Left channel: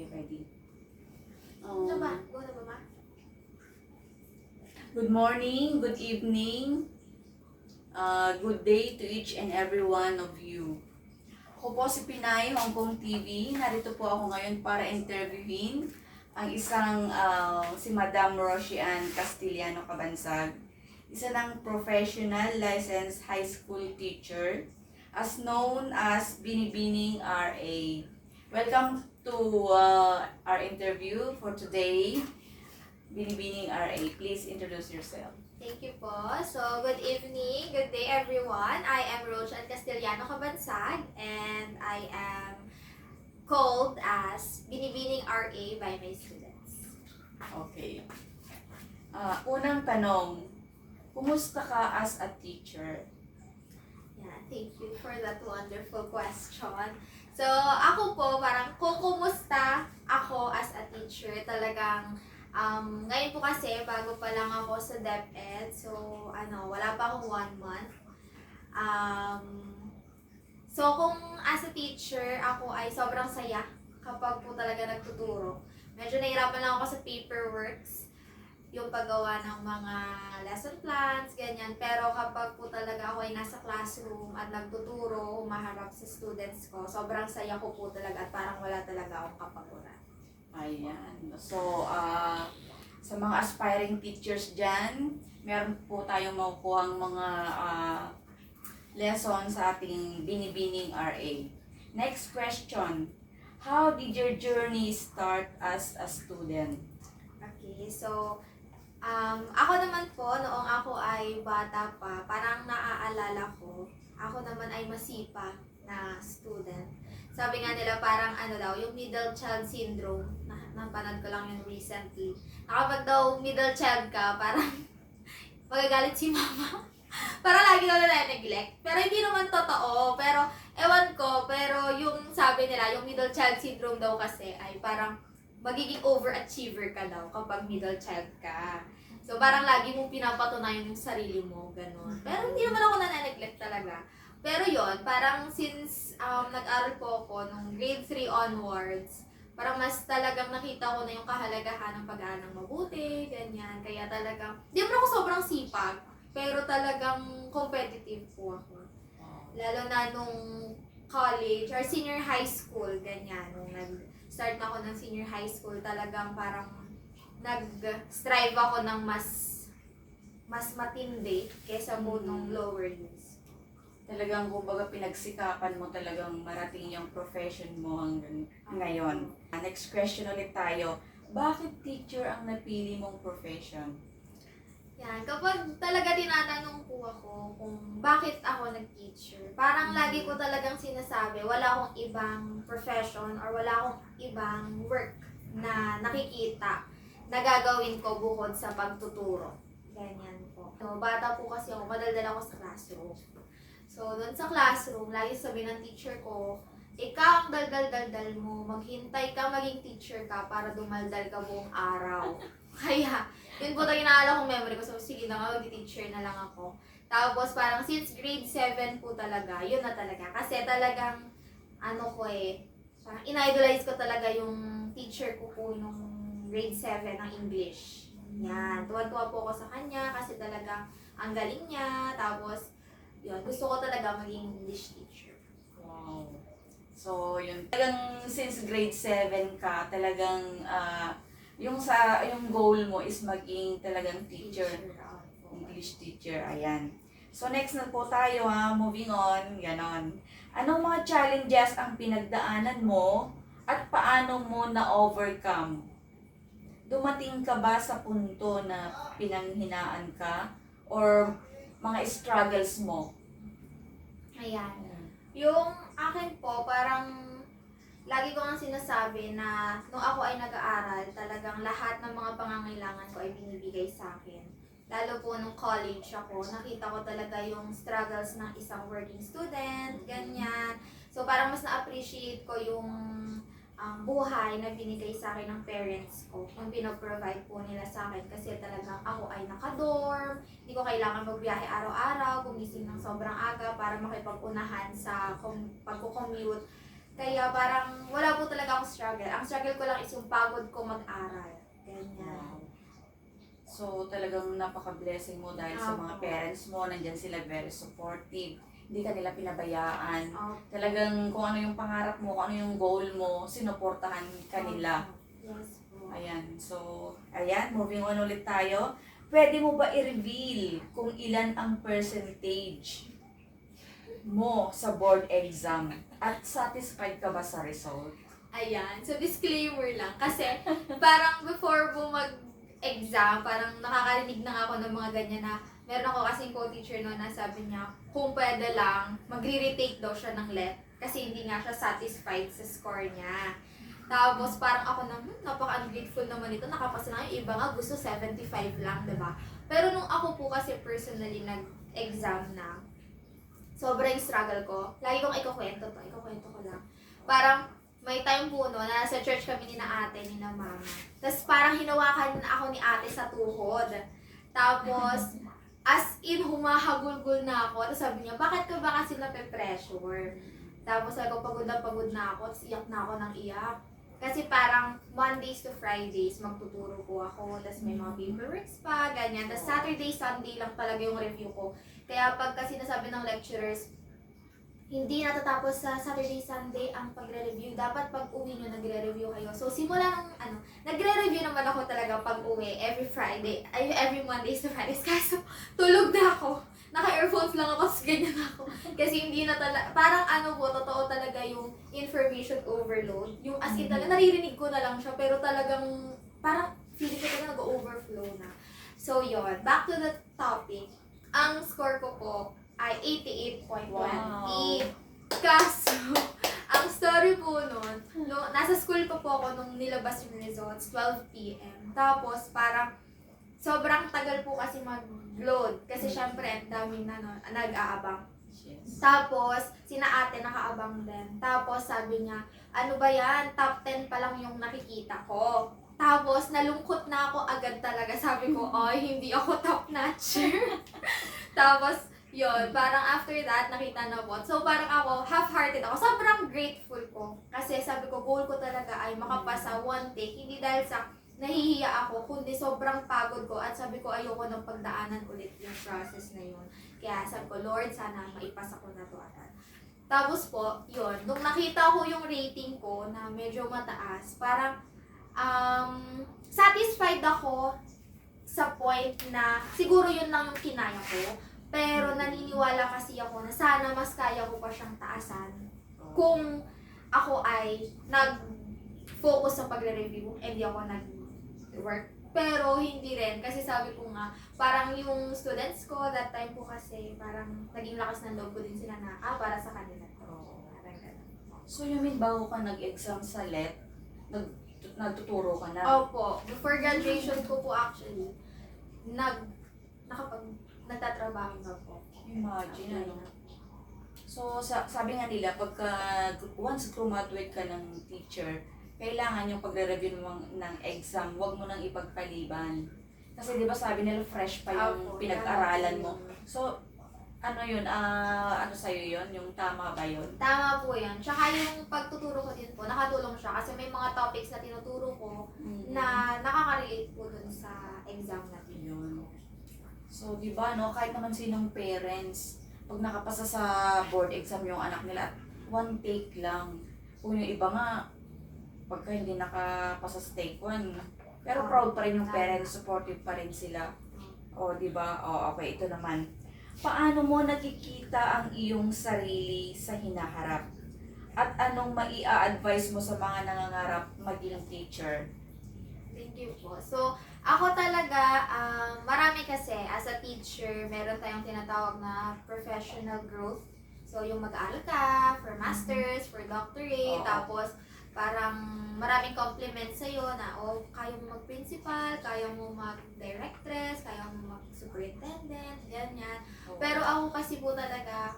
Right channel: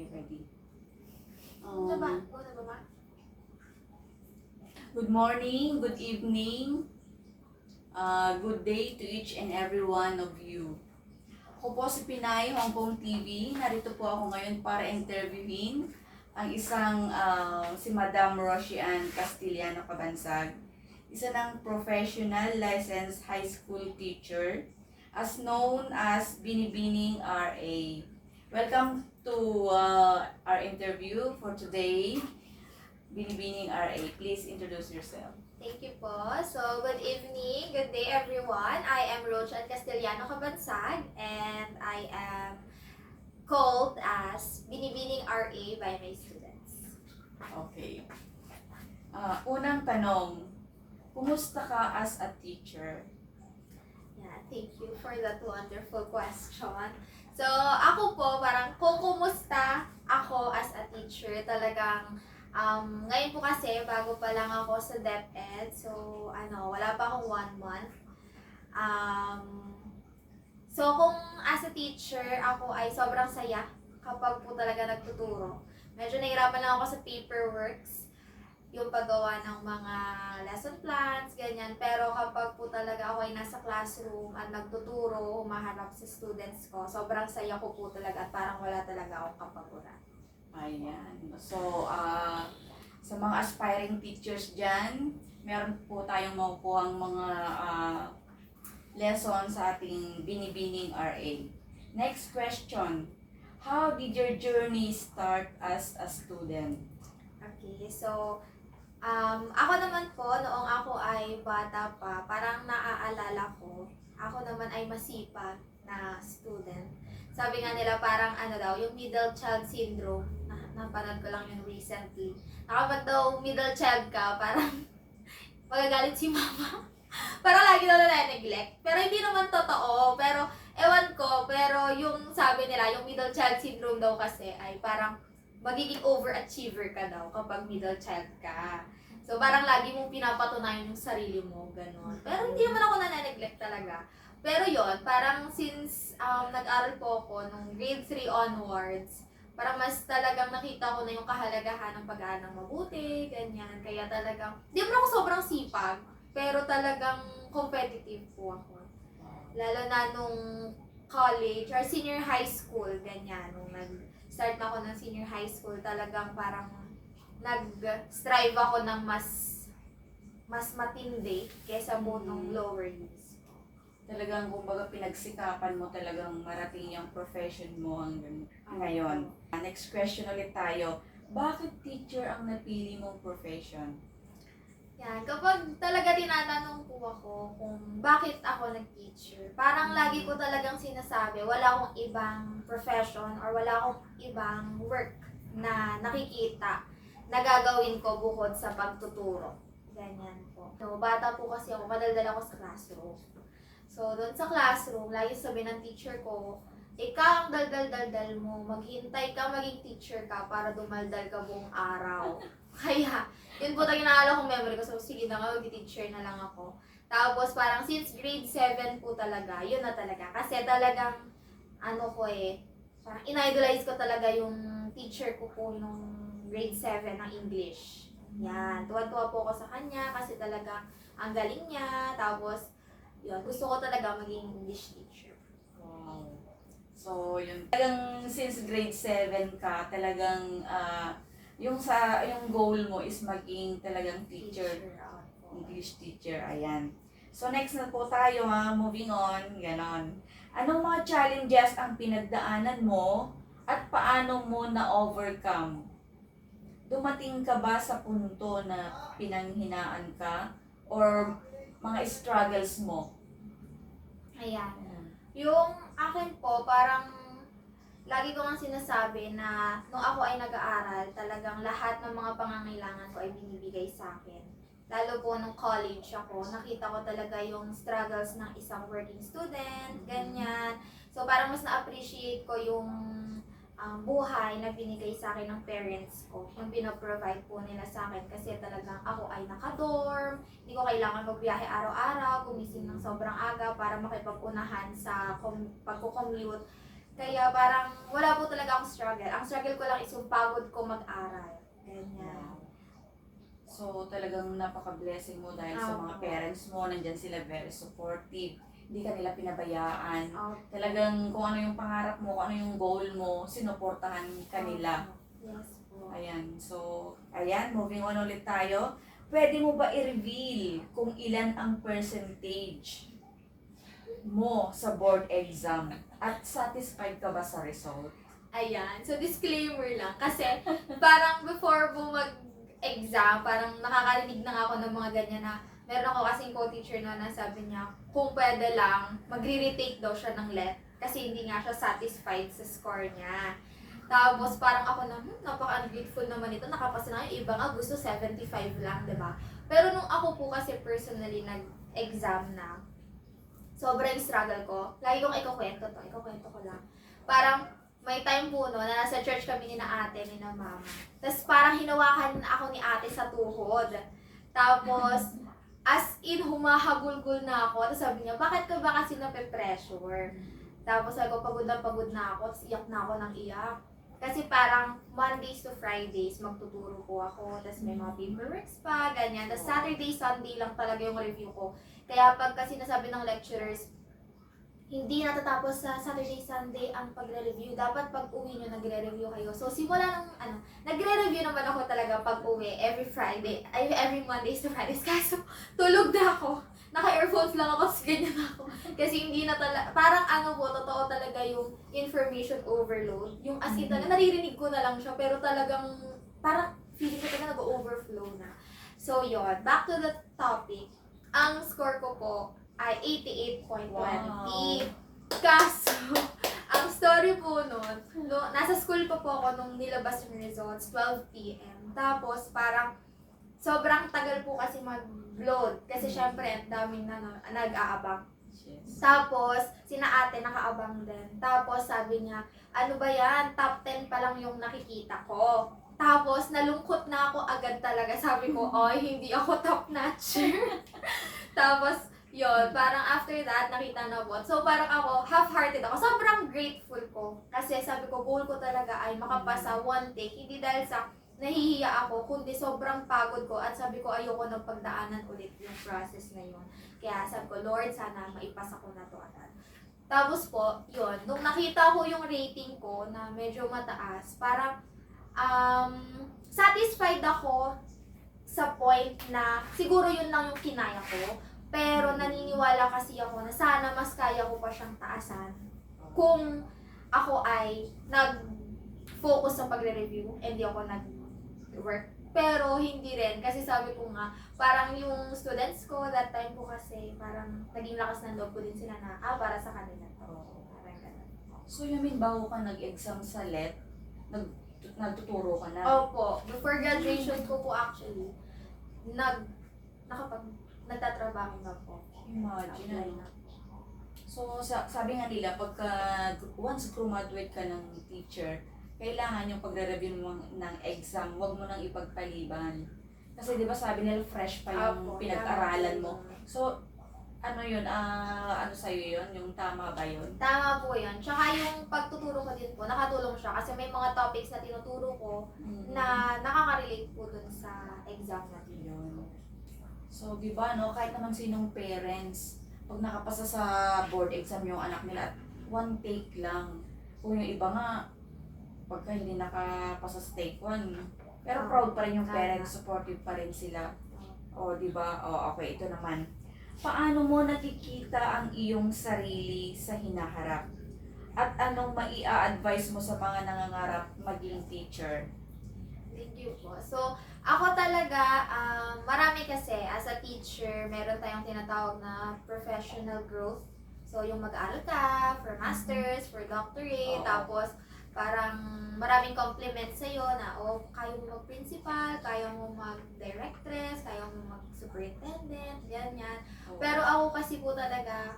Okay, ready. Ano ba? Go na ba ba? Good morning, good evening, good day to each and every one of you. Ako po si Pinay, Hong Kong TV. Narito po ako ngayon para interviewin ang si Madam Roshian Castiliano Cabansag, isa ng professional licensed high school teacher as known as Binibining RA. Welcome to our interview for today. Binibining RA, please introduce yourself. Thank you po. So, good evening, good day everyone. I am Roshan Castiliano Cabansag and I am called as Binibining RA by my students. Okay. Unang tanong, kumusta ka as a teacher? Yeah, thank you for that wonderful question. So, ako po, parang kumusta ako as a teacher, talagang ngayon po kasi, bago pa lang ako sa DepEd, so, wala pa akong 1 month. So, kung as a teacher, ako ay sobrang saya kapag po talaga nagtuturo. Medyo nahirapan lang ako sa paperworks, yung paggawa ng mga lesson plans, ganyan. Pero kapag po talaga ako ay nasa classroom at nagtuturo, humaharap sa students ko, sobrang saya ko po talaga at parang wala talaga akong kapaguran. Ayan. So, sa mga aspiring teachers dyan, meron po tayong makukuhang mga lessons sa ating Binibining RA. Next question. How did your journey start as a student? Okay, so, ako naman po, noong ako ay bata pa, parang naaalala ko, ako naman ay masipag na student. Sabi nga nila parang yung middle child syndrome, napanood ko lang yun recently. Kapag daw middle child ka, parang magagalit si mama. Parang lagi daw na-neglect. Pero hindi naman totoo. Pero, ewan ko, pero yung sabi nila, yung middle child syndrome daw kasi ay parang magiging overachiever ka daw kapag middle child ka. So, parang lagi mong pinapatunayan yung sarili mo, ganun. Pero hindi naman ako na-neglect talaga. Pero yon parang since nag-aral po ako nung grade 3 onwards, parang mas talagang nakita ko na yung kahalagahan ng pag-aaral ng mabuti, ganyan. Kaya talagang, di mo ako sobrang sipag, pero talagang competitive po ako. Lalo na nung college or senior high school, ganyan. Nung nag-start na ako ng senior high school, talagang parang nag-strive ako ng mas matindi kesa po nung lower years. Talagang kumbaga pinagsikapan mo talagang marating yung profession mo hanggang ngayon. Next question ulit tayo. Bakit teacher ang napili mong profession? Yan, kapag talaga tinatanong po ako kung bakit ako nag-teacher, parang lagi ko talagang sinasabi, wala akong ibang profession or wala akong ibang work na nakikita na gagawin ko bukod sa pagtuturo. Ganyan po. So, bata po kasi ako, madaldal ako sa classroom. So, doon sa classroom, lagi sabi ng teacher ko, ikaw ang daldal-daldal mo, maghintay ka maging teacher ka para dumaldal ka buong araw. Kaya, yun po talaga naalala kong memory ko. So, sige na nga, mag-teacher na lang ako. Tapos, parang since grade 7 po talaga, yun na talaga. Kasi talagang, parang in-idolize ko talaga yung teacher ko po nung grade 7 ng English. Yan, tuwan-tuwa po ako sa kanya kasi talaga ang galing niya. Tapos, yun, gusto ko talaga maging English teacher. Wow. So, yun. Talagang since grade 7 ka, talagang yung goal mo is maging talagang teacher. English teacher, ayan. So, next na po tayo ha, moving on, ganon. Anong mga challenges ang pinagdaanan mo at paano mo na-overcome? Dumating ka ba sa punto na pinanghinaan ka or mga struggles mo? Ayan. Yung akin po, parang lagi ko ang sinasabi na nung ako ay nag-aaral, talagang lahat ng mga pangangailangan ko ay binibigay sa akin. Lalo po nung college ako, nakita ko talaga yung struggles ng isang working student, ganyan. So parang mas na-appreciate ko yung buhay na binigay sa akin ng parents ko, yung pinoprovide po nila sa akin kasi talagang ako ay naka-dorm, hindi ko kailangan magbiyahe araw-araw, gumising ng sobrang aga para makipag-unahan sa pagko-commute. Kaya parang wala po talaga akong struggle. Ang struggle ko lang is yung pagod ko mag-aral. Ganyan. Wow. So, talagang napaka-blessing mo dahil sa mga Opo. parents mo, nandyan sila very supportive. Hindi ka nila pinabayaan. Opo. Talagang kung ano yung pangarap mo, kung ano yung goal mo, sinuportahan ka nila. Opo. Yes po. Ayan. So, ayan, moving on ulit tayo. Pwede mo ba i-reveal kung ilan ang percentage mo sa board exam at satisfied ka ba sa result? Ayan. So, disclaimer lang. Kasi, parang before po mag-exam, parang nakakarinig na nga ako ng mga ganyan na meron ako kasing co-teacher no na sabi niya, kung pwede lang, magre-retake daw siya ng LET kasi hindi nga siya satisfied sa score niya. Tapos parang ako na, napaka-ungrateful naman ito, nakapasa na yung iba nga gusto 75 lang, diba? Pero nung ako po kasi personally nag-exam na, sobrang struggle ko. Lagi kong ikukwento ko lang. Parang may time po no, na nasa church kami ni na ate, ni na mama. Tapos parang hinawakan ako ni ate sa tuhod. Tapos, as in, humahagulgul na ako. Tapos sabi niya, bakit ka ba kasi nape-pressure? Tapos sabi ko, pagod na ako. Tapos iyak na ako ng iyak. Kasi parang Mondays to Fridays, magtuturo po ako. Tapos may mga paperworks pa, ganyan. Tapos Saturday, Sunday lang talaga yung review ko. Kaya pag kasi nasabi ng lecturers, hindi natatapos sa Saturday, Sunday ang pagre-review. Dapat pag uwi nyo, nagre-review kayo. So, simula nung, nagre-review naman ako talaga pag uwi, every Friday, every Mondays to Fridays. Kaso, tulog na ako. Naka-earphones lang ako, tapos ganyan ako. Kasi hindi na talaga, parang totoo talaga yung information overload. Yung as in talaga, naririnig ko na lang siya, pero talagang, parang feeling ko talaga nag-overflow na. So, yon, back to the topic. Ang score ko po ay 88.20. Wow. Kaso, ang story po nun, no, nasa school pa po ako nung nilabas yung results, 12 p.m. Tapos, parang, sobrang tagal po kasi mag-load. Kasi syempre, ang daming nag-aabang. Yes. Tapos, sina ate nakaabang din. Tapos, sabi niya, ano ba yan? Top 10 pa lang yung nakikita ko. Tapos, nalungkot na ako agad talaga. Sabi ko, ay, hindi ako top notcher. Tapos, yun, parang after that, nakita na po. So, parang ako, half-hearted ako. Sobrang grateful ko. Kasi sabi ko, goal ko talaga ay makapasa one take. Hindi dahil sa nahihiya ako, kundi sobrang pagod ko. At sabi ko, ayoko nang pagdaanan ulit yung process na yun. Kaya sabi ko, Lord, sana maipasa ko na to agad. Tapos po, yun, nung nakita ko yung rating ko na medyo mataas, parang satisfied ako sa point na siguro yun lang yung kinaya ko. Pero naniniwala kasi ako na sana mas kaya ko pa siyang taasan kung ako ay nag-focus sa pagre-review, hindi ako nag-work. Pero hindi rin, kasi sabi ko nga, parang yung students ko, that time po kasi, parang naging lakas ng loob ko din sila na, para sa kanila to. Parang ganun. So, you mean bago ka nag-exam sa LET, nagtuturo ka na? Opo, before graduation ko po actually, nagtatrabaho na po. Imagine, ano? So, sabi nga nila, pagka once graduate ka ng teacher, kailangan yung pagre-review mo ng exam, huwag mo nang ipagpaliban. Kasi di ba sabi nila fresh pa yung Opo, pinag-aralan tama mo. po yun. So, ano yun? Ano sa'yo yun? Yung tama ba yun? Tama po yan. Tsaka yung pagtuturo ko din po, nakatulong siya kasi may mga topics na tinuturo ko na nakaka-relate po dun sa exam natin. Yun. So, di ba, no, kahit naman sinong parents, pag nakapasa sa board exam yung anak nila, at one take lang. Kung yung iba nga, pagka hindi nakapasa sa take one, pero proud pa rin yung parents, supportive pa rin sila. O, di ba? O, okay, ito naman. Paano mo nakikita ang iyong sarili sa hinaharap? At anong maia-advise mo sa mga nangangarap maging teacher? Thank you po. So, ako talaga, marami kasi, as a teacher, meron tayong tinatawag na professional growth. So, yung mag-aaral ka, for masters, for doctorate, Oo. tapos parang maraming compliments sa'yo na, kaya mo mag-principal, kaya mo mag-directress, kaya mo mag-superintendent, ganyan. Pero ako kasi po talaga,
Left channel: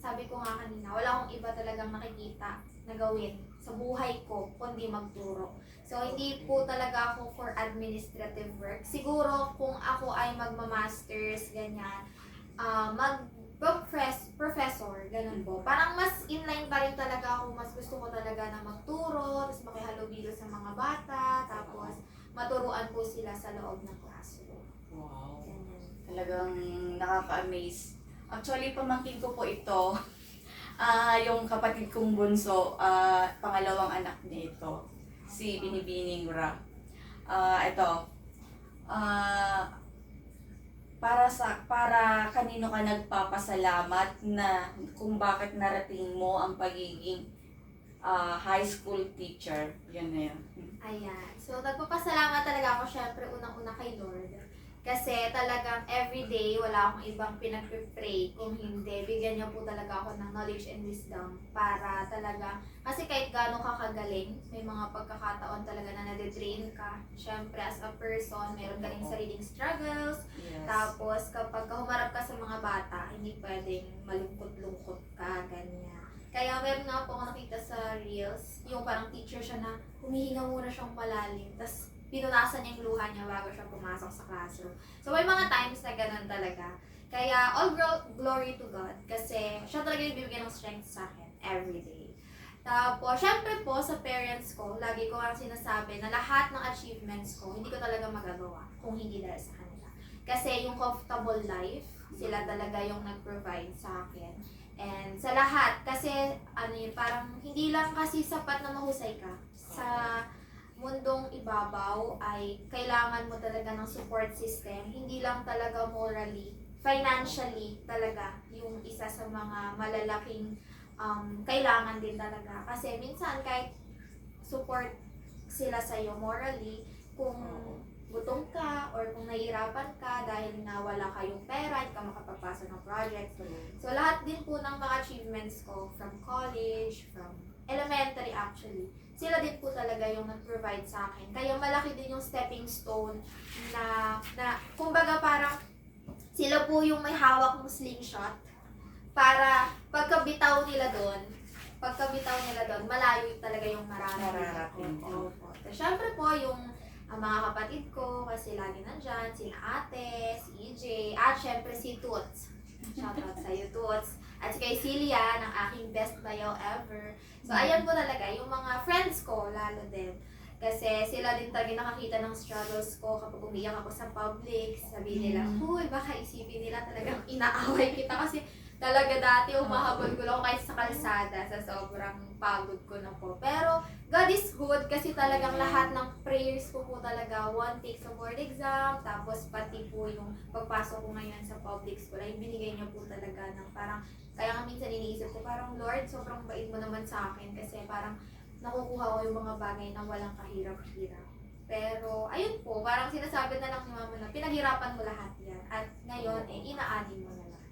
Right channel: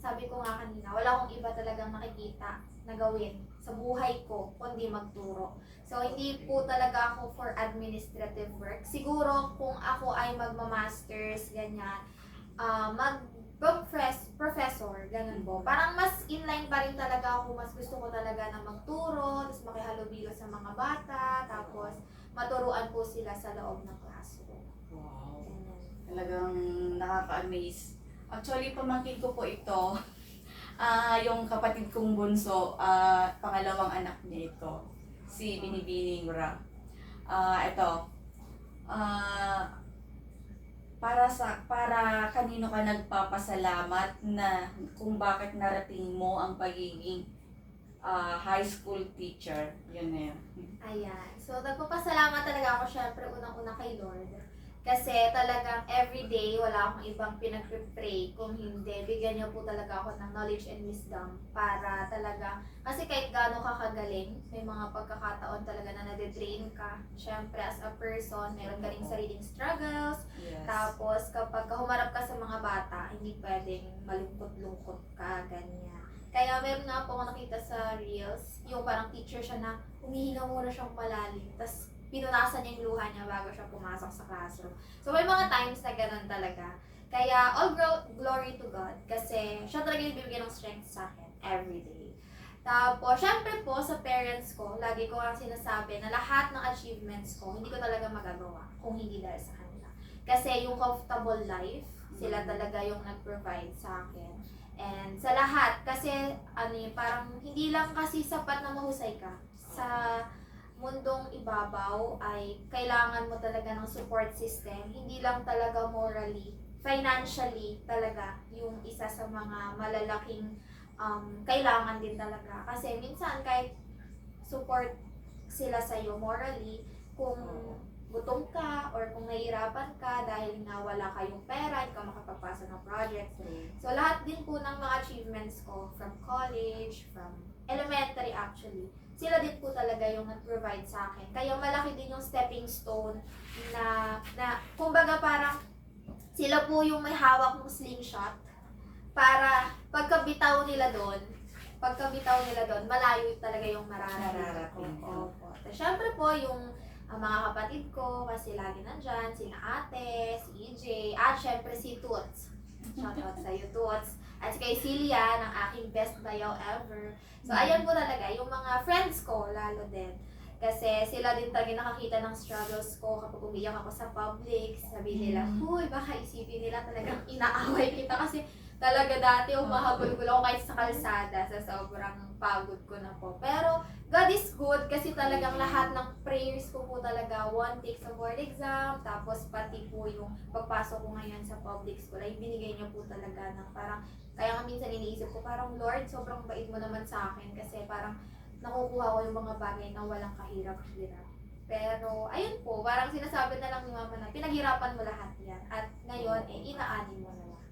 sabi ko nga kanina, wala akong iba talagang nakikita na gawin sa buhay ko, kundi magturo. So, hindi po talaga ako for administrative work. Siguro, kung ako ay magma-masters, ganyan, mag-professor, ganun Ganun po. Parang mas inline pa rin talaga ako. Mas gusto ko talaga na magturo, tapos makihalubilo sa mga bata, tapos maturuan po sila sa loob ng classroom. Wow. Ganun. Talagang nakaka-amaze. Actually, pamangkin ko po ito. Yung kapatid kong bunso, pangalawang anak niya ito. Si Binibining Ra. Ito. Ah, para kanino ka nagpapasalamat na kung bakit narating mo ang pagiging high school teacher. Yan na yan. Ayan. So, nagpapasalamat talaga ako syempre unang-una kay Lord. Kasi talagang everyday, wala akong ibang pinag-pray. Kung hindi, bigyan niya po talaga ako ng knowledge and wisdom para talaga, kasi kahit gaano ka kagaling, may mga pagkakataon talaga na nade-drain ka. Syempre, as a person, meron ka rin sariling struggles. Yes. Tapos, kapag humarap ka sa mga bata, hindi pwedeng malungkot-lungkot ka, ganyan. Kaya meron nga po ako nakita sa Reels, yung parang teacher siya na humihinga muna siyang malalim, tapos pinunasan niya yung luha niya bago siya pumasok sa classroom. So may mga times na ganun talaga. Kaya all glory to God kasi siya talaga yung bibigyan ng strength sa akin every day. Tapos, syempre po sa parents ko, lagi ko ang sinasabi na lahat ng achievements ko, hindi ko talaga magagawa kung hindi dahil sa kanila. Kasi yung comfortable life, sila talaga yung nag-provide sa akin. And sa lahat, kasi parang hindi lang kasi sapat na mahusay ka. Sa mundong ibabaw ay kailangan mo talaga ng support system. Hindi lang talaga morally, financially talaga yung isa sa mga malalaking kailangan din talaga. Kasi minsan kahit support sila sa'yo morally, kung gutom ka or kung nahihirapan ka dahil na wala kayong pera, hindi ka makapagpasa ng project. So lahat din po ng mga achievements ko from college, from elementary actually, sila din po talaga yung nag-provide sa akin. Kaya malaki din yung stepping stone na kumbaga parang sila po yung may hawak ng slingshot para pagkabitaw nila doon, malayo talaga yung mararating ko. Opo. Syempre po yung mga kapatid ko, kasi lagi nandyan, sina ate, si EJ, at syempre si Toots. Shoutout sa'yo, Toots. At si kay Celia, ng aking best bayaw ever. So, ayan po talaga, yung mga friends ko, lalo din. Kasi sila din talaga nakakita ng struggles ko kapag umiyak ako sa public. Sabihin nila, huy, baka isipin nila talagang inaaway kita. Kasi talaga dati umahabol ko lang kahit sa kalsada sa sobrang pagod ko na po. Pero God is good kasi talagang lahat ng prayers ko po talaga, one take sa board exam, tapos pati po yung pagpasok ko ngayon sa public school ay binigay niya po talaga ng parang, kaya nga minsan iniisip ko parang Lord, sobrang bait mo naman sa akin kasi parang nakukuha ko yung mga bagay na walang kahirap-hirap. Pero ayun po, parang sinasabi na lang ni Mama na pinaghirapan mo lahat yan at ngayon inaani mo na lang.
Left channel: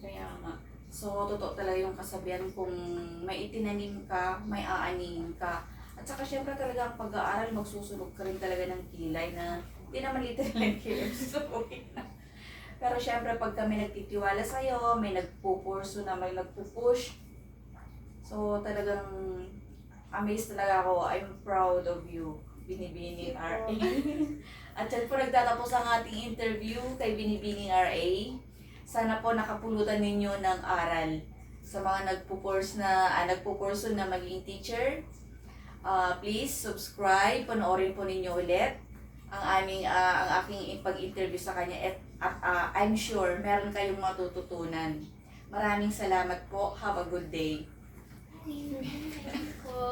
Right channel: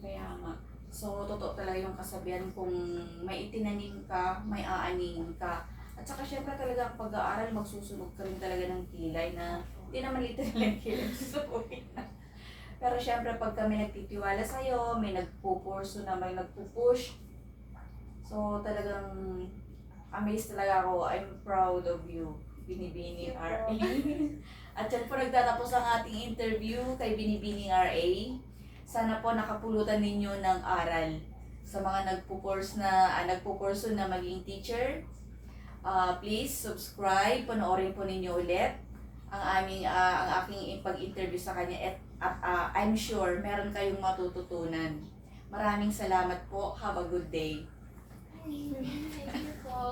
Kaya nga. So, totoo talaga yung kasabihan kung may itinanim ka, may aaning ka. At saka syempre talaga ang pag-aaral, magsusunog ka rin talaga ng kilay na hindi naman literal yung kilay, susubugin na. Pero syempre pag kami nagtitiwala sa'yo, may nagpupurso na may nagpupush. So, talagang amazed talaga ako. I'm proud of you, Binibining RA. At yan po nagtatapos ang ating interview kay Binibining RA. Sana po nakapulutan ninyo ng aral sa mga nagpupurso na maging teacher. Please subscribe, panoorin po ninyo ulit ang aking pag-interview sa kanya at I'm sure meron kayong matututunan. Maraming salamat po. Have a good day. Thank you po.